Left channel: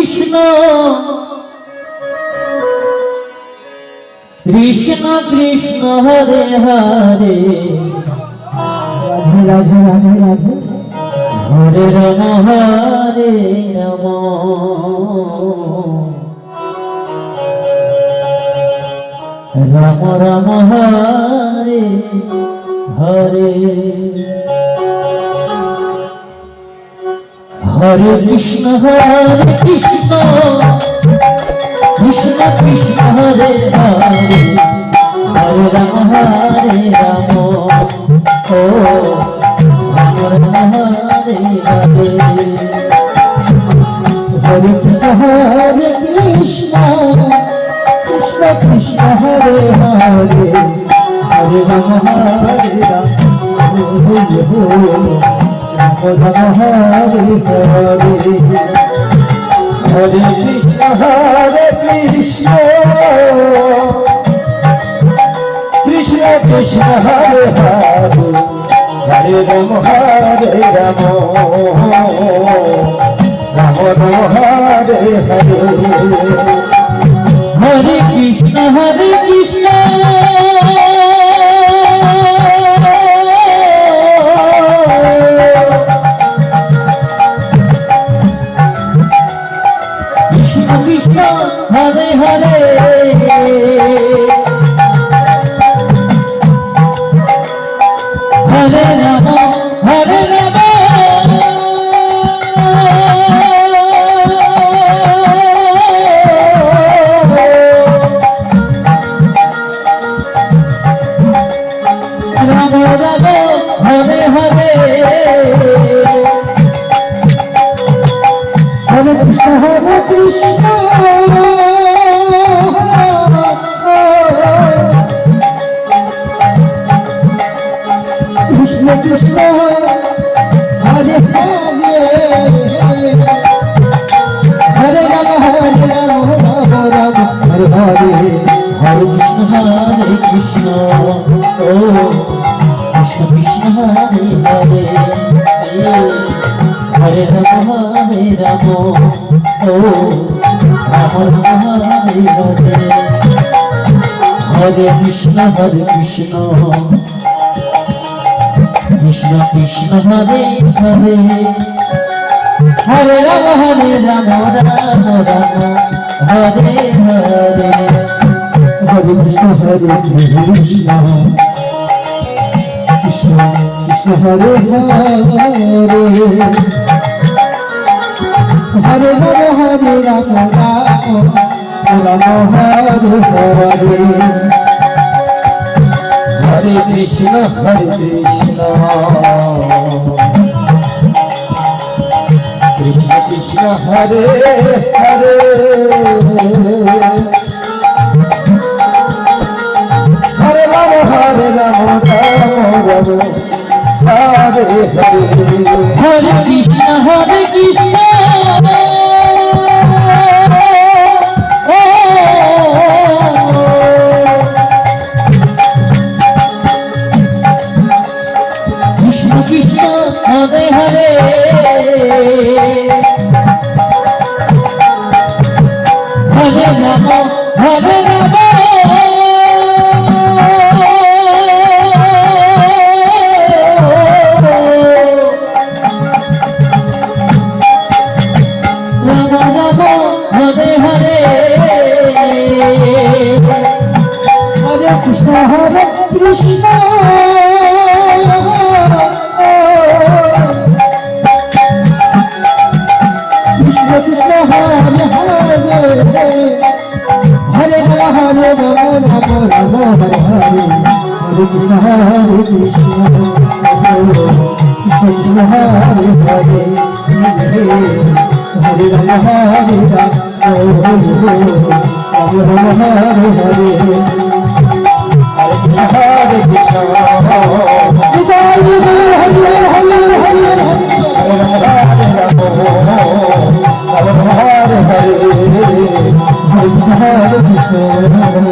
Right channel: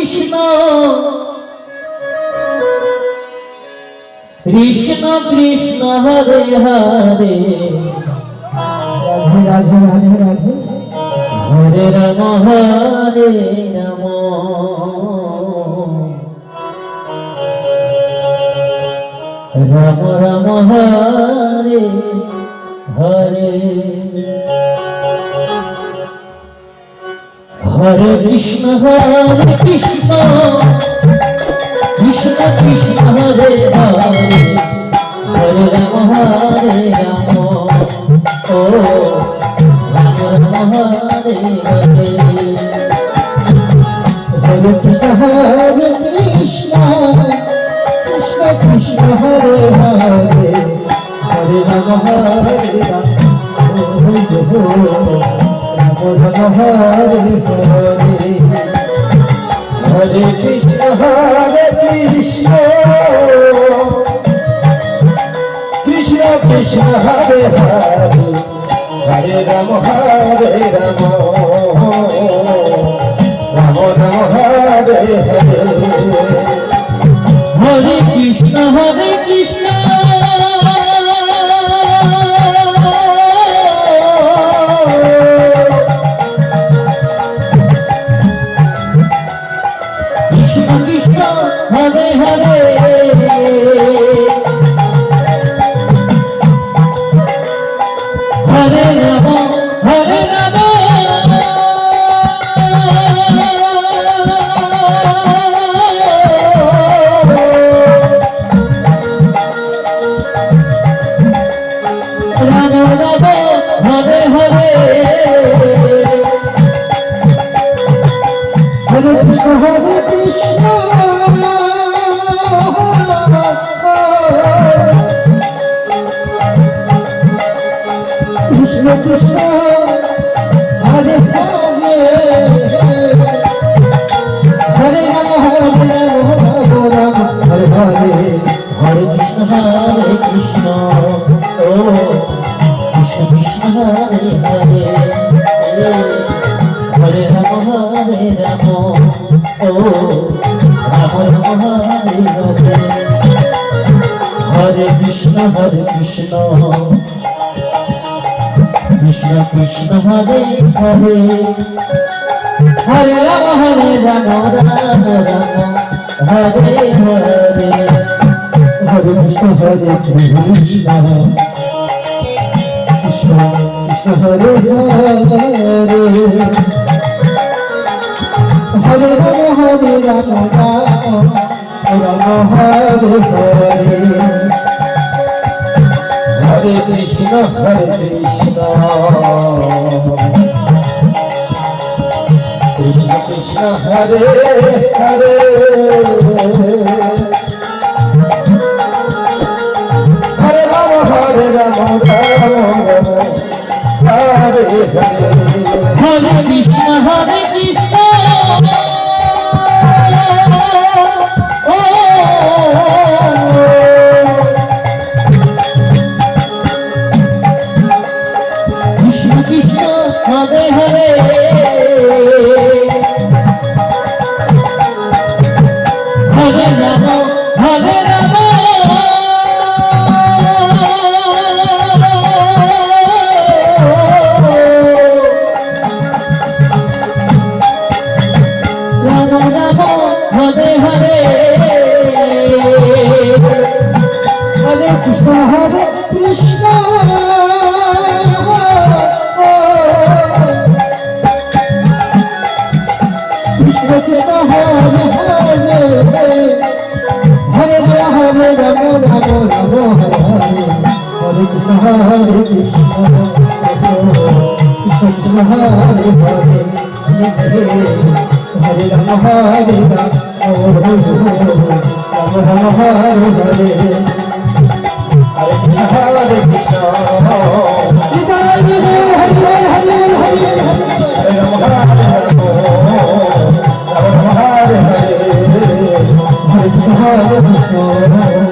Krishna Krishna Krishna Hare Hare Radhe Radhe Radhe Radhe Hare Ram Ram Ram Hare Hare Hare Krishna Krishna Krishna Hare Hare Hare Ram O Ram Ram Hare Hare Hare Krishna Krishna Krishna Hare Hare Hare Ram Hare Ram Hare Hare Hare Krishna Krishna Krishna Hare Hare Hare Ram Ram Ram Hare Hare Hare Krishna Krishna Krishna Hare Hare Hare Ram Hare Ram Ram Ram Hare Hare Hare Krishna Krishna Krishna Hare Hare Ram Hare Hare Hare Krishna Krishna O Krishna Krishna Hare Hare Hare Ram O Ram Ram Hare Hare Hare Krishna Krishna Krishna Hare Hare Hare Ram Ram Ram Hare Hare Hare Krishna Krishna Krishna Krishna Hare Hare Hare Hare Hare Ram Ram Hare Hare Hare Krishna Krishna Krishna Hare Hare Hare Ram Hare Ram Hare Hare Hare Krishna Krishna Krishna Hare Hare Hare Ram Hare Ram Ram Ram Hare Hare Hare Krishna Krishna Hare Krishna Hare Krishna Krishna Hare Hare Hare Rama Hare Rama Rama Hare Hare Hare Krishna Hare Krishna Hare Hare Hare Krishna